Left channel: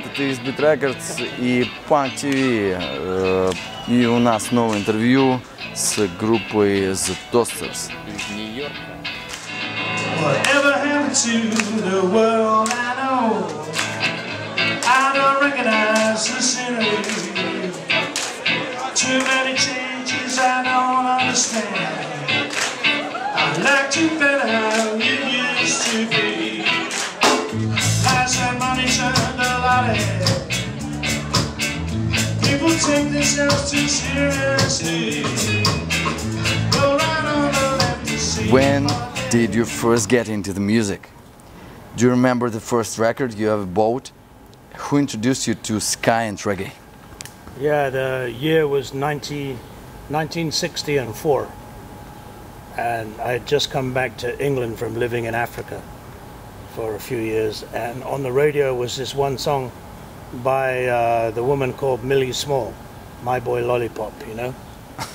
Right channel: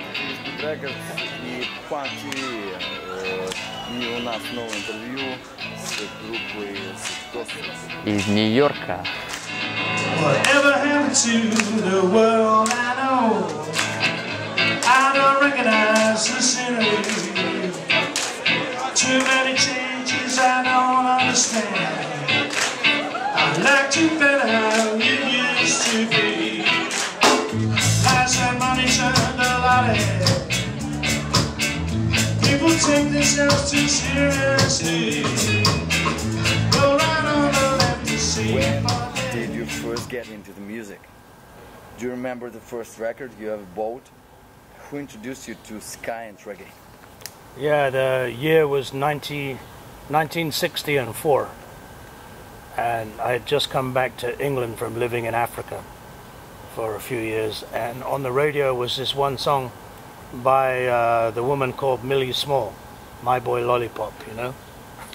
привет, это Beat Records и Punktv. И у нас новое интервью с группой The Toasters из Нью-Йорка. Whatever happened to the world I know? I don't recognize the scenery. Too many changes I don't understand. I'd like to better how you used to be. Lies and money turned a lot of head. People take themselves too seriously. Go right on the left to see. When did you first get into the music? Do you remember the first record you ever bought? Who introduced you to ska and reggae? Yeah, the year was 1964, and I had just come back to England from living in Africa for a few years, and on the radio was this one song by the woman called Millie Small, My Boy Lollipop, you know?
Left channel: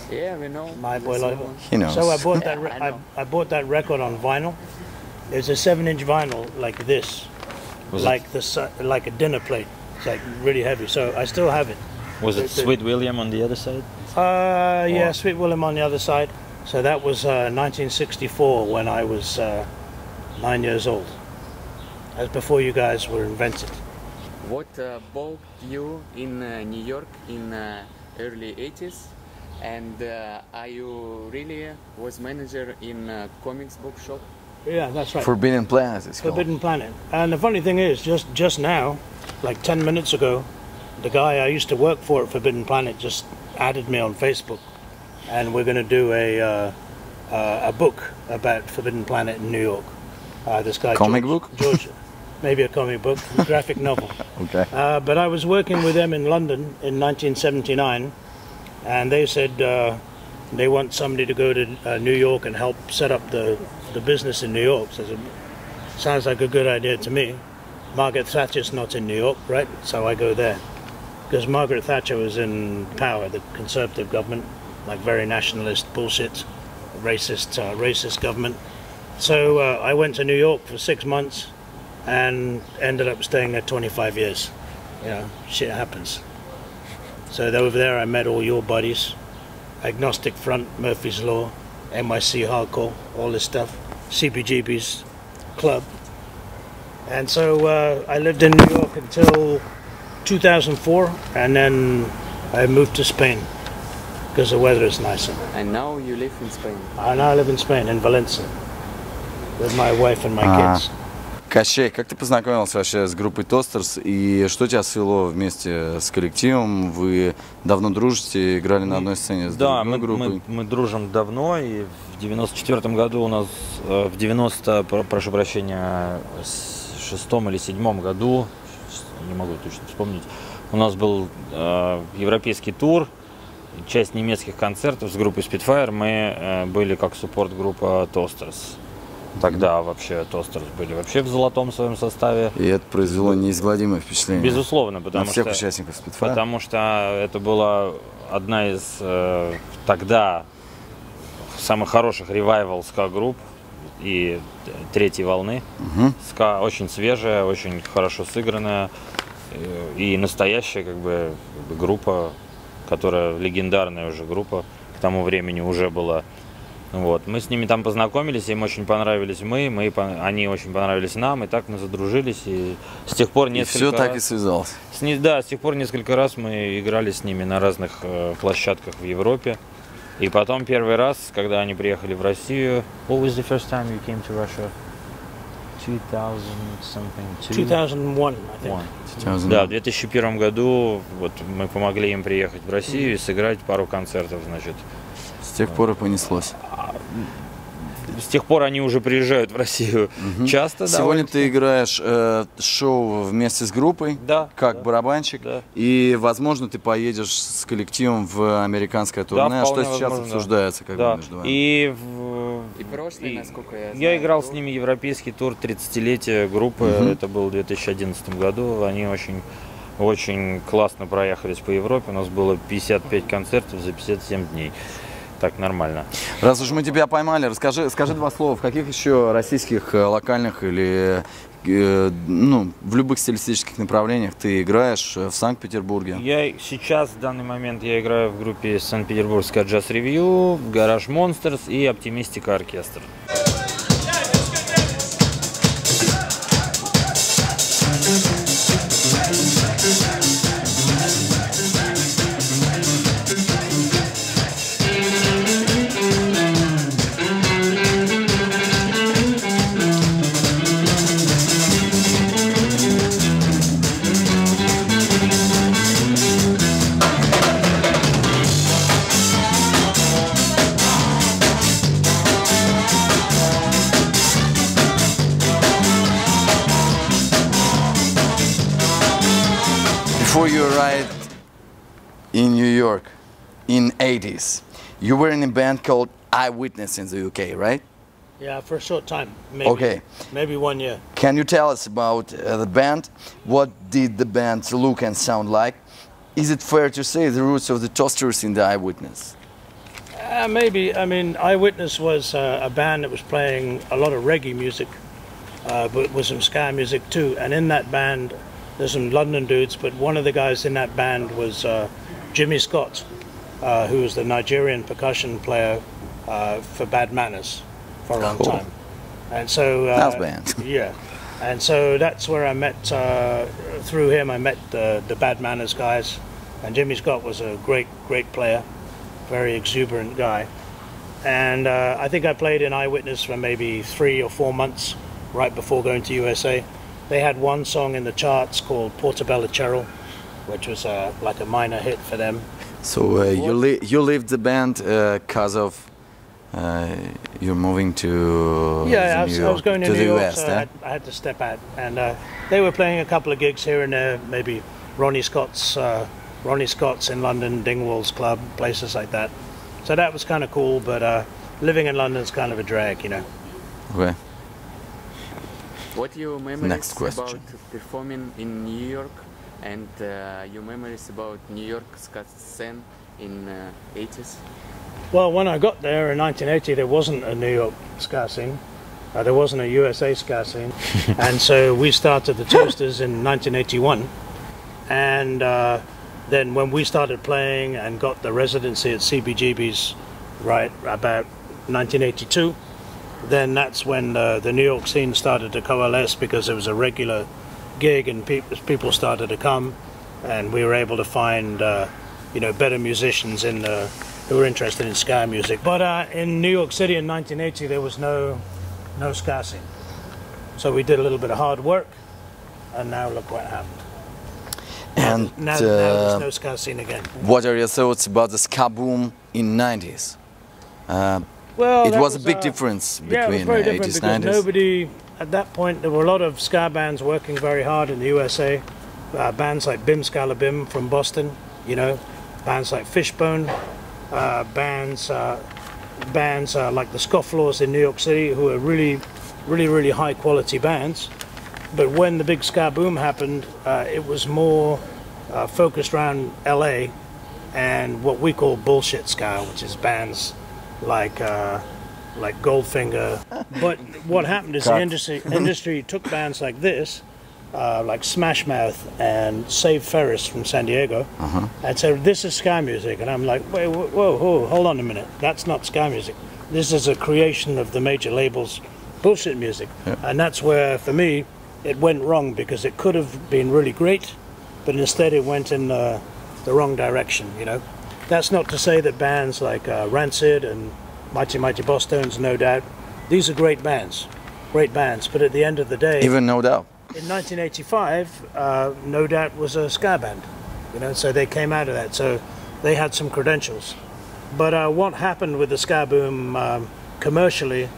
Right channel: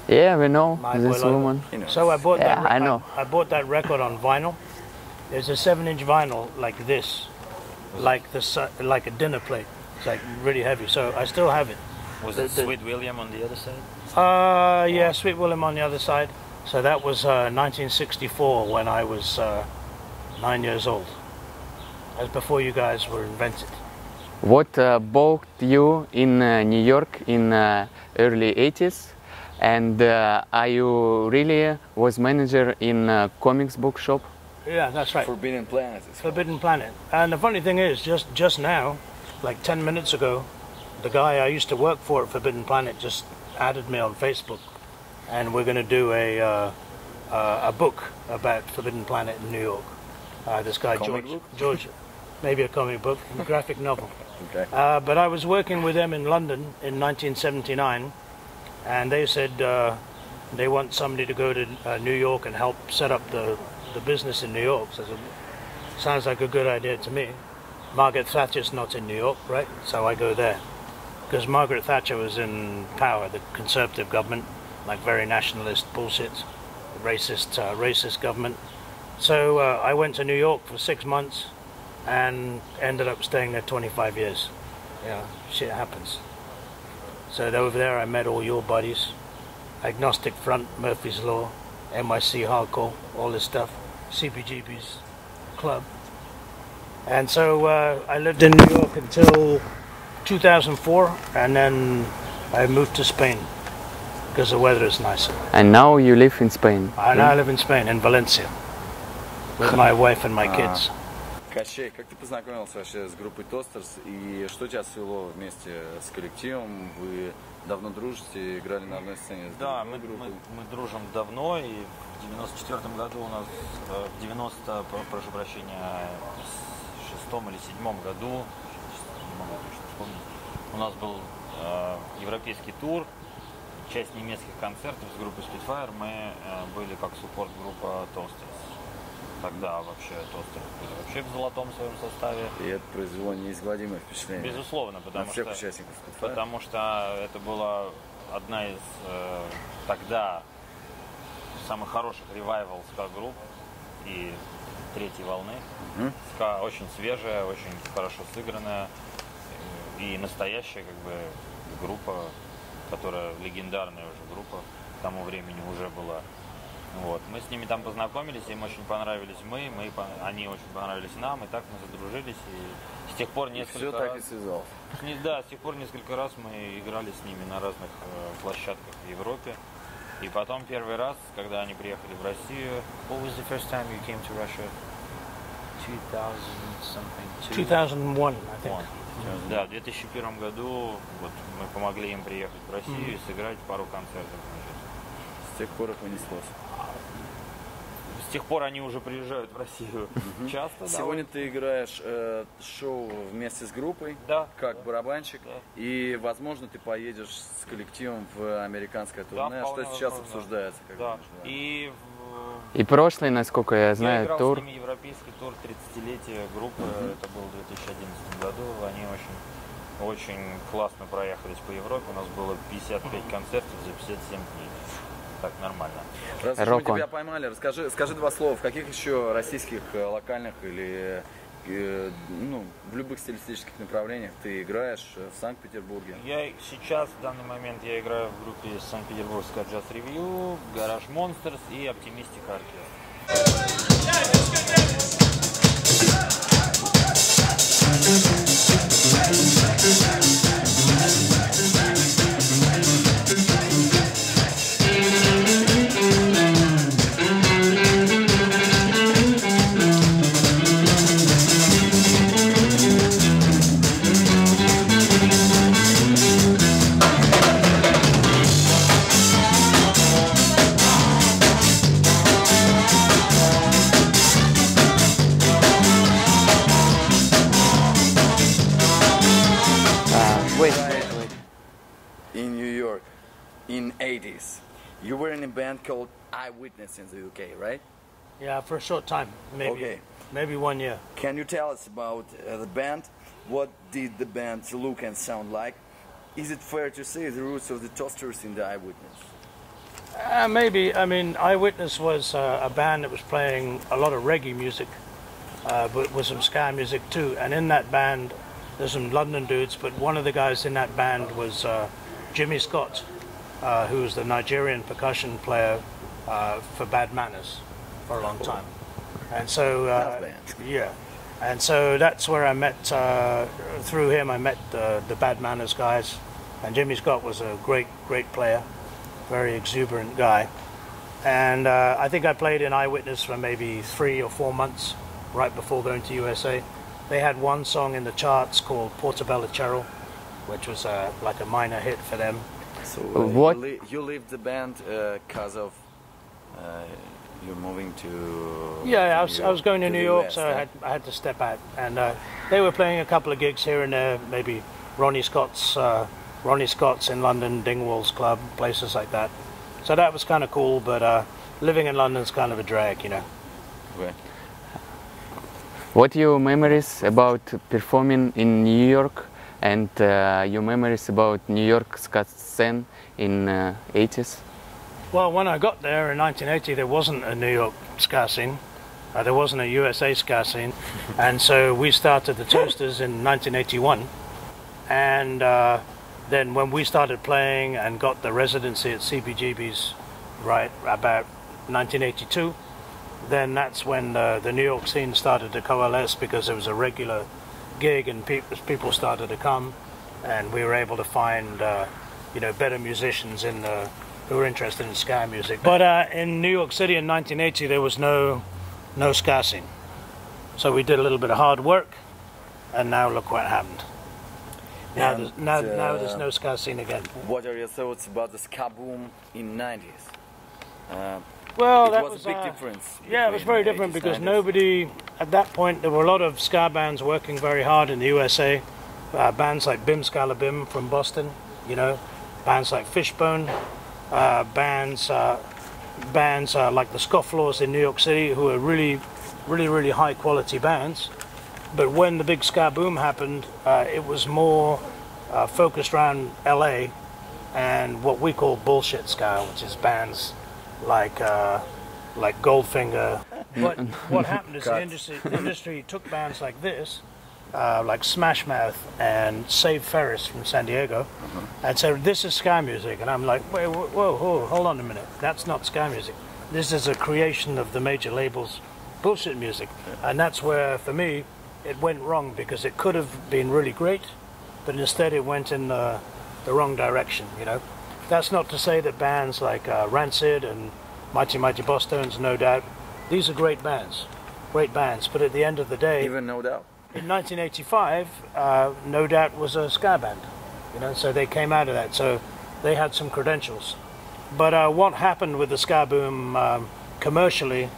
Yeah, we know My this Boy Lollipop. woman. He knows. So I bought that. Yeah, I know. I bought that record on vinyl. It's a 7-inch vinyl like this, like a dinner plate. It's like really heavy. So I still have it. Was it Sweet William on the other side? Yeah, Sweet William on the other side. So that was 1964 when I was 9 years old. That's before you guys were invented. What brought you in New York in early 80s? And are you really was manager in a comics book shop? Yeah, that's right. Forbidden Planet. It's Forbidden Planet. And the funny thing is, just now, like 10 minutes ago, the guy I used to work for at Forbidden Planet just added me on Facebook, and we're going to do a book about Forbidden Planet in New York. This guy, George, maybe a comic book, a graphic novel. Okay. But I was working with them in London in 1979, and they said they want somebody to go to New York and help set up the business in New York. So I said, sounds like a good idea to me. Margaret Thatcher's not in New York, right? So I go there. Because Margaret Thatcher was in power, the Conservative government, like very nationalist bullshit, racist government. So I went to New York for 6 months and ended up staying there 25 years. Yeah, shit happens. So over there I met all your buddies, Agnostic Front, Murphy's Law, NYC Hardcore, all this stuff, CBGB's club. And so I lived in New York until 2004, and then I moved to Spain because the weather is nicer. And now you live in Spain? And now I live in Spain, in Valencia, with my wife and my kids. Кощей, как ты познакомился вообще с группой Toasters и что тебя свело вместе с коллективом? Вы давно дружите, играли на одной сцене с другой группой? Мы дружим давно, и в 94 году у нас, в 90, прошу прощения, шестом или седьмом году, не могу точно вспомнить, у нас был европейский тур, часть немецких концертов с группой Spitfire, мы были как суппорт-группа Toasters. Тогда вообще Toasters были вообще в золотом своем составе. И это произвело неизгладимое впечатление. Безусловно, потому на всех участников Spitfire. Потому что это была одна из тогда самых хороших ревайвал ска-групп и третьей волны. Ска очень свежая, очень хорошо сыгранная и настоящая как бы группа, которая легендарная уже группа к тому времени уже была. Вот. Мы с ними там познакомились, им очень понравились они очень понравились нам, и так мы задружились, и с тех пор несколько раз... все так и связалось. Да, с тех пор несколько раз мы играли с ними на разных площадках в Европе. И потом первый раз, когда они приехали в Россию... What was the first time you came to Russia? 2001, I think. Да, в 2001 году вот, мы помогли им приехать в Россию и сыграть пару концертов, значит. С тех пор и понеслось. С тех пор они уже приезжают в Россию часто. Сегодня ты играешь шоу вместе с группой, как барабанщик, и, возможно, ты поедешь с коллективом в американское турне, что сейчас обсуждается как бы между вами. И прошлый, насколько я знаю, я играл с ними европейский тур 30-летия группы, это был в 2011 году, они очень классно проехались по Европе, у нас было 55 концертов за 57 дней. так нормально. Раз уж мы тебя поймали, скажи два слова, в каких еще российских локальных или ну, в любых стилистических направлениях ты играешь в Санкт-Петербурге? Я сейчас, в данный момент, я играю в группе Санкт-Петербургская джаз-ревью, Гараж Монстерс и Оптимистика оркестр. In 80s, you were in a band called Eyewitness in the UK, right? Yeah, for a short time, maybe. Okay. Maybe 1 year. Can you tell us about the band? What did the band look and sound like? Is it fair to say the roots of the Toasters in the Eyewitness? Maybe. I mean, Eyewitness was a band that was playing a lot of reggae music, but with some ska music too. And in that band, there's some London dudes, but one of the guys in that band was Jimmy Scott, who was the Nigerian percussion player for Bad Manners for a long time. And so house band. Yeah, and so that's where I met, through him I met the Bad Manners guys, and Jimmy Scott was a great player, very exuberant guy. And I think I played in Eyewitness for maybe 3 or 4 months right before going to USA. They had one song in the charts called Portobello Cheryl, which was like a minor hit for them. So you left the band because of you're moving to I was going to New York, US, so I had to step out. And they were playing a couple of gigs here and there, maybe Ronnie Scott's in London, Dingwall's Club, places like that. So that was kind of cool, but living in London is kind of a drag, you know. Okay. What are your memories about performing in New York, and your memories about New York ska scene in 80s? Well, when I got there in 1980, there wasn't a New York ska scene. There wasn't a USA ska scene. And so we started the Toasters in 1981. And then when we started playing and got the residency at CBGB's right about 1982, then that's when the New York scene started to coalesce, because there was a regular gig and people started to come, and we were able to find you know, better musicians who were interested in ska music. But in New York City in 1980 there was no ska scene, so we did a little bit of hard work, and now look what happened. And now there's no ska scene again. What are your thoughts about the ska boom in 90s? Well, it was a big difference between it was very different 80s, because 90s. nobody, at that point, there were a lot of ska bands working very hard in the USA. Bands like Bim Scala Bim from Boston, you know, bands like Fishbone, bands like the Scofflaws in New York City, who are really high quality bands. But when the big ska boom happened, it was more focused around LA and what we call bullshit ska, which is bands like Goldfinger. But what happened is the industry took bands like this, like Smash Mouth and Save Ferris from San Diego, and said, this is ska music. And I'm like, wait, whoa, hold on a minute, that's not ska music. This is a creation of the major labels' bullshit music. Yeah. And that's where, for me, it went wrong, because it could have been really great, but instead it went in the wrong direction, you know. That's not to say that bands like Rancid and Mighty Boss Tones, No Doubt, these are great bands, but at the end of the day... Even No Doubt. In 1985, No Doubt was a ska band, you know, so they came out of that, so they had some credentials. But what happened with the ska boom commercially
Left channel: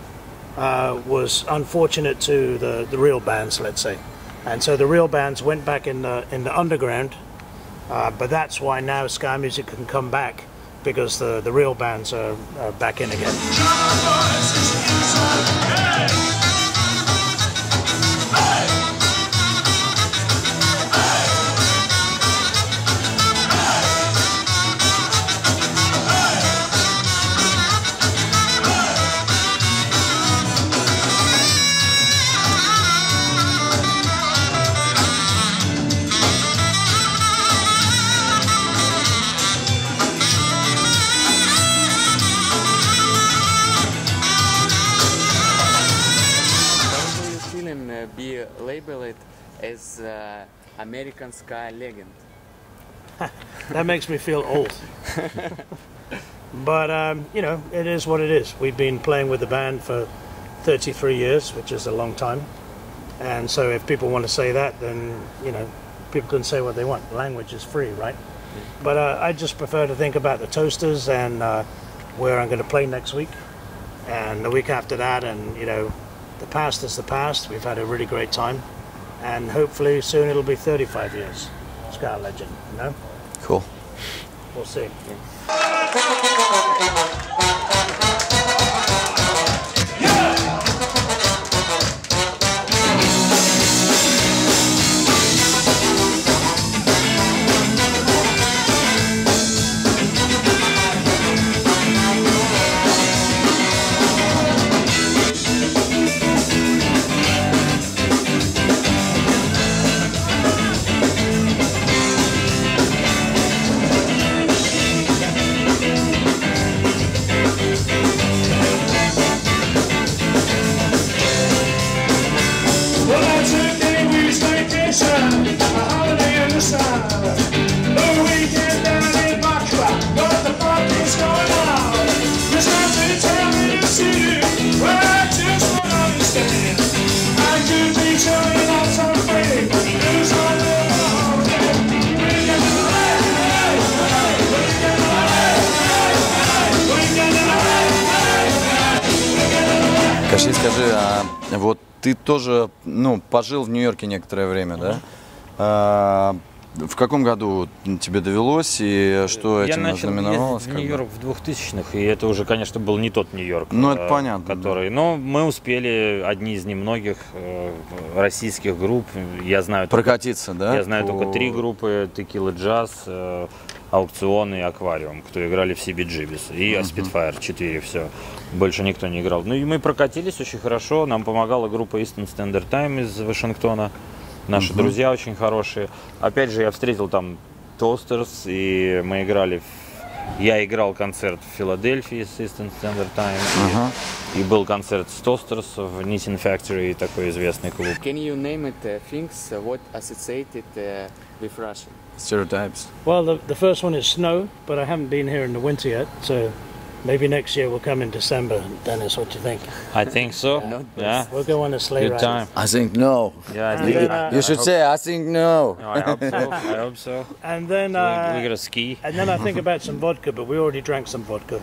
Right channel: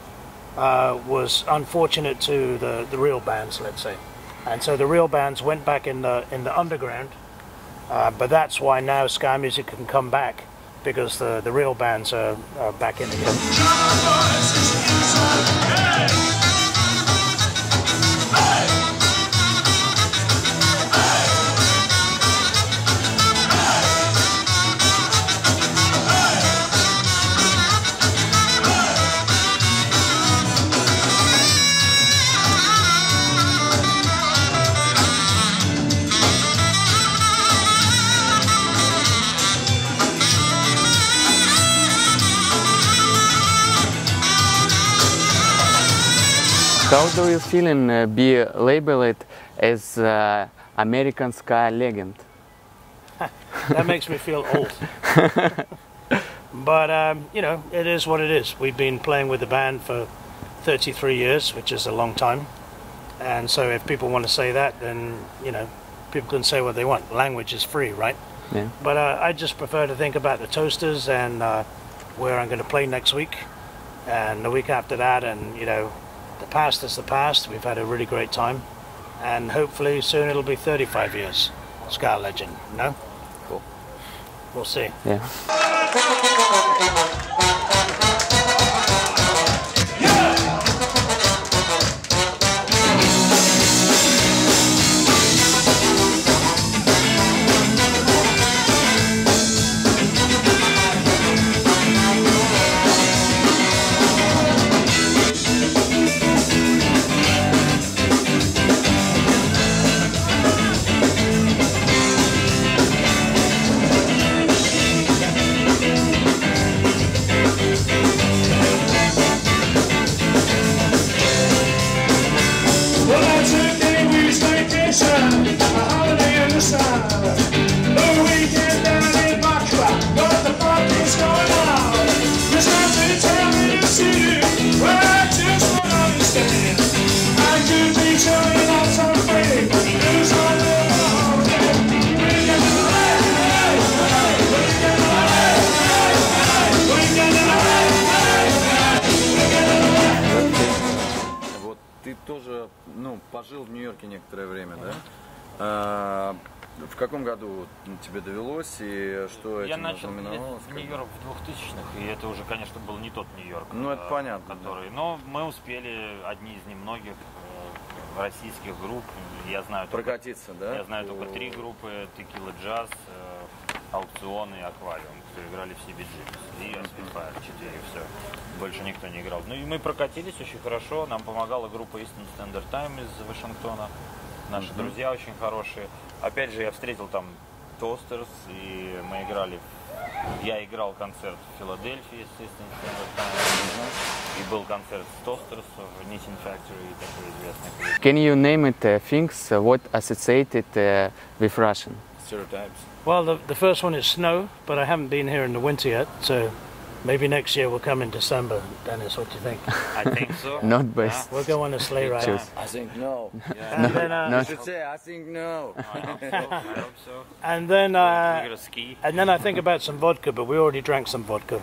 was unfortunate to the real bands, let's say. And so the real bands went back in the underground, but that's why now ska music can come back, because the real bands are back in again. How do you feel in be labeled as American ska legend? That makes me feel old. But, you know, it is what it is. We've been playing with the band for 33 years, which is a long time. And so if people want to say that, then, you know, people can say what they want. Language is free, right? Yeah. But I just prefer to think about the Toasters and where I'm going to play next week. And the week after that, and, you know, the past is the past. We've had a really great time. And hopefully soon it'll be 35 years. Ska legend, you know? Cool. We'll see. Yeah. Ты тоже, ну, пожил в Нью-Йорке некоторое время, да? В каком году тебе довелось и что этим ознаменовалось? Я начал ездить в Нью-Йорк в 2000-х, и это уже, конечно, был не тот Нью-Йорк, ну, это понятно, который... Но мы успели, одни из немногих российских групп, я знаю... Прокатиться, да? Я знаю только 3 группы: Текила Джаз, Аукцион и Аквариум, кто играли в CBGBs, и Spitfire 4, все. Больше никто не играл. Ну и мы прокатились очень хорошо, нам помогала группа Eastern Standard Time из Вашингтона. Наши друзья очень хорошие. Опять же, я встретил там Toasters, и мы играли... Я играл концерт в Филадельфии с Eastern Standard Time, и был концерт с Toasters в Knitting Factory, такой известный клуб. Can you name it things what associated with Russian? Stereotypes. Well, the first one is snow, but I haven't been here in the winter yet, so maybe next year we'll come in December. Dennis, what do you think? I think so. Not best. We'll go on a sleigh Good ride. time. I think no. Yeah, And then, You should say, I think no. No, I hope so. I hope so. And then, We're gonna ski. and then I think about some vodka, but we already drank some vodka.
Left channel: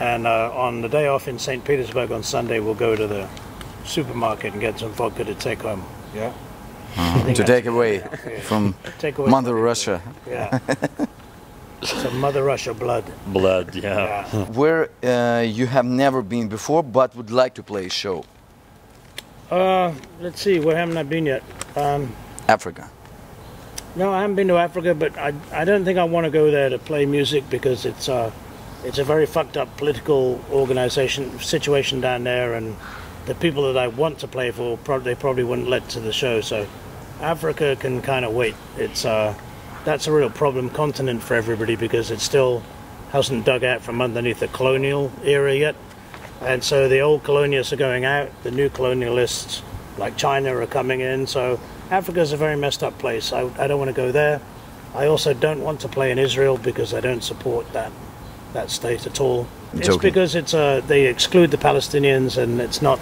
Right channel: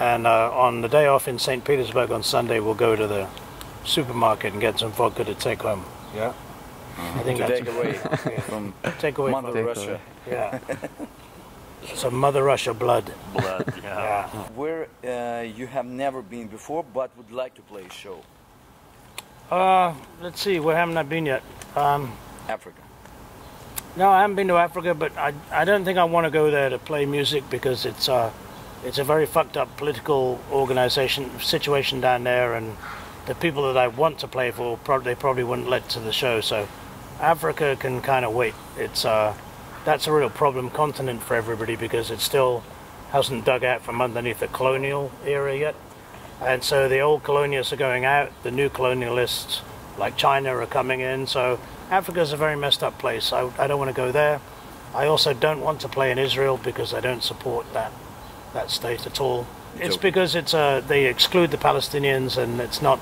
And on the day off in St. Petersburg on Sunday, we'll go to the supermarket and get some vodka to take home. Yeah. To take away from Take away Mother from the Russia. Yeah. Some Mother Russia blood. Blood, yeah. Where you have never been before, but would like to play a show? Let's see, where haven't I been yet? Africa. No, I haven't been to Africa, but I don't think I want to go there to play music because it's a very fucked up political situation down there, and the people that I want to play for they probably wouldn't let to the show. So Africa can kind of wait. It's that's a real problem continent for everybody because it still hasn't dug out from underneath the colonial era yet. And so the old colonialists are going out, the new colonialists like China are coming in. So Africa's a very messed up place. I don't want to go there. I also don't want to play in Israel because I don't support that state at all. It's because it's they exclude the Palestinians and it's not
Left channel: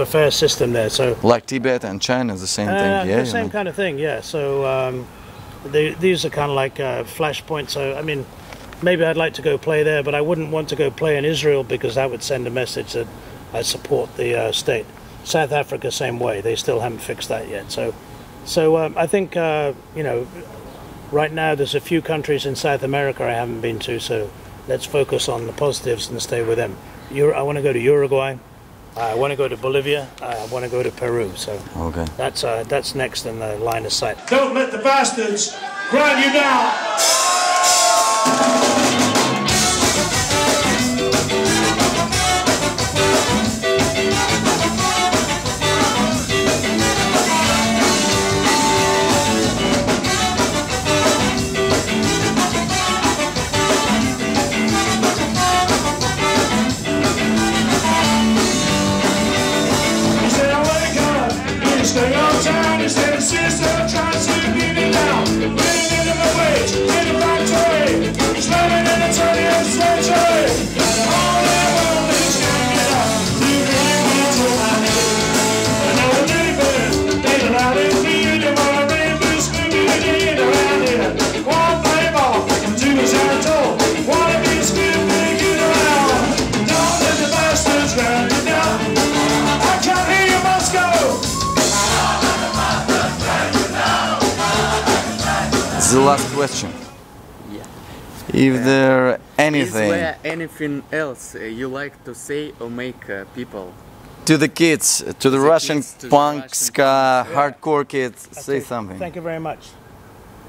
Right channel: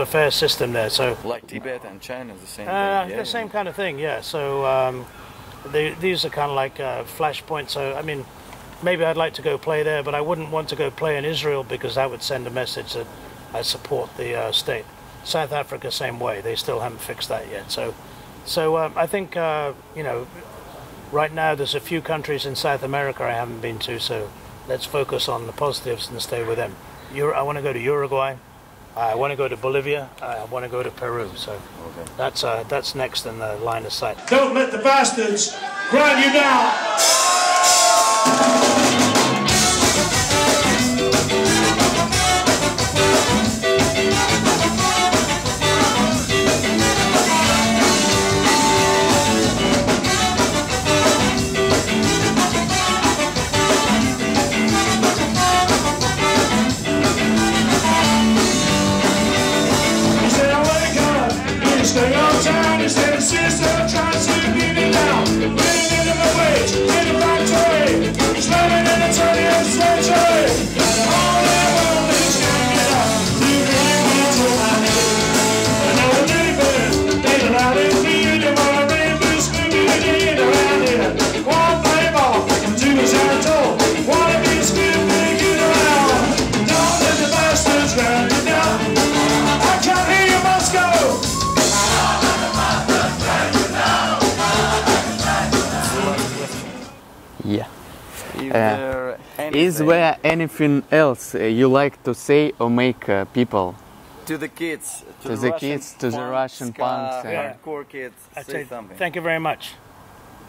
a fair system there. So like Tibet and China is the same thing. Yeah, the same kind of thing. Yeah. So these are kind of like flashpoints. So I mean, maybe I'd like to go play there, but I wouldn't want to go play in Israel because that would send a message that I support the state. South Africa, same way. They still haven't fixed that yet. So I think you know, right now there's a few countries in South America I haven't been to. So let's focus on the positives and stay with them. I want to go to Uruguay. I want to go to Bolivia. I want to go to Peru. So okay. That's next in the line of sight. Don't let the bastards grind you down. He said, I wake Daddy's and his sister tries to beat me down. Living in the wage, in the factory, slamming in the 20th century. All I want is to get up, to bring me to my knees. I know a little bit, ain't allowed in me, you want to bring this community around here. One play ball, do as I'm told. Wanna be a skip and get around. Don't let the bastards run you down. I can't hear you, Moscow. The last question. Yeah. If there Is anything there anything else you like to say or make people? to the kids, to the Russian kids, to the punk, Russian ska, punks, hardcore kids, That's say it. something. Thank you very much.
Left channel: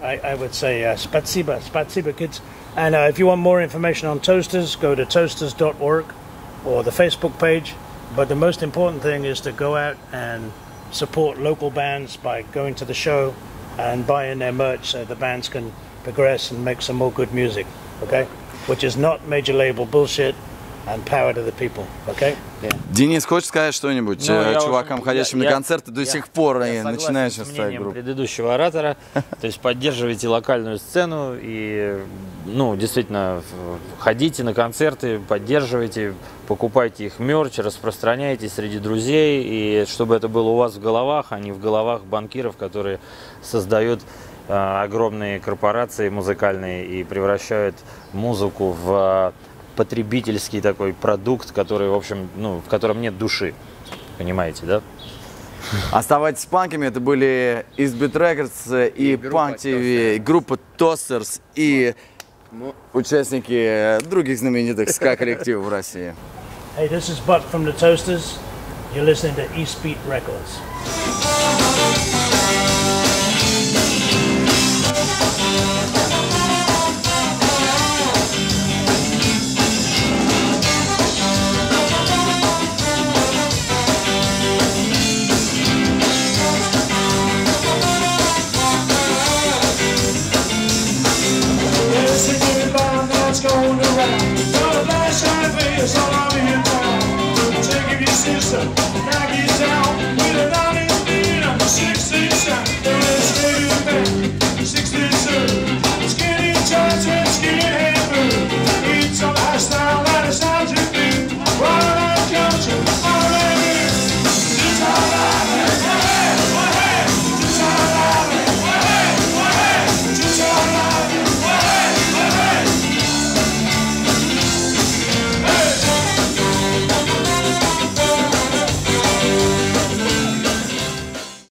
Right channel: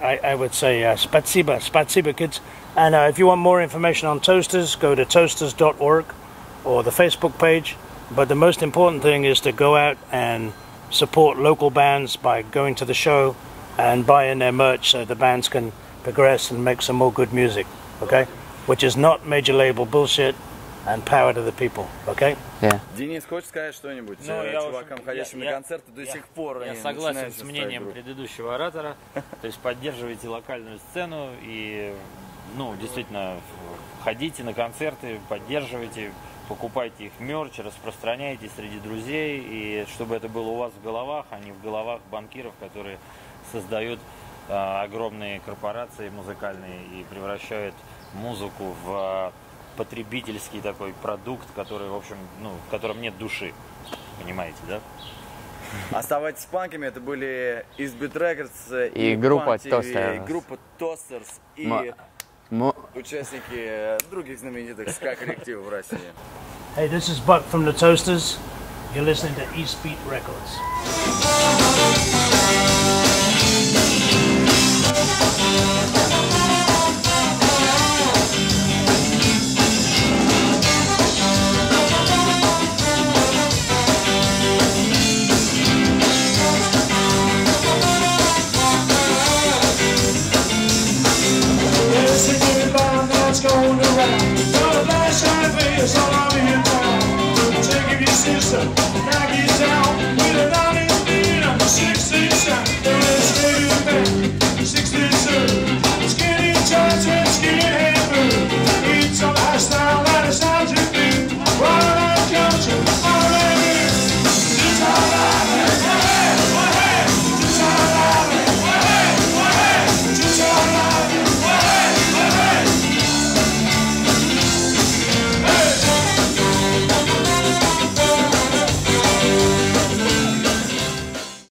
I would say spasiba kids. And if you want more information on Toasters, go to toasters.org or the Facebook page. But the most important thing is to go out and support local bands by going to the show and buying their merch so the bands can progress and make some more good music, okay? Which is not major label bullshit and power to the people, okay? Yeah. Денис, хочешь сказать что-нибудь Ну, чувакам, ходящим на концерты до сих пор и согласен начинающим с свою мнением группу? предыдущего оратора. То есть поддерживайте локальную сцену и, ну, действительно, ходите на концерты, поддерживайте, покупайте их мерч, распространяйте среди друзей, и чтобы это было у вас в головах, а не в головах банкиров, которые создают огромные корпорации музыкальные и превращают музыку в потребительский такой продукт, который, в общем, ну, в котором нет души. Понимаете, да? Оставайтесь панками, это были Beat Records и группа Punktv, группа Toasters и участники других знаменитых ска-коллективов в России. Hey, this is Buck from the Toasters. You're listening to Beat Records. Thank you.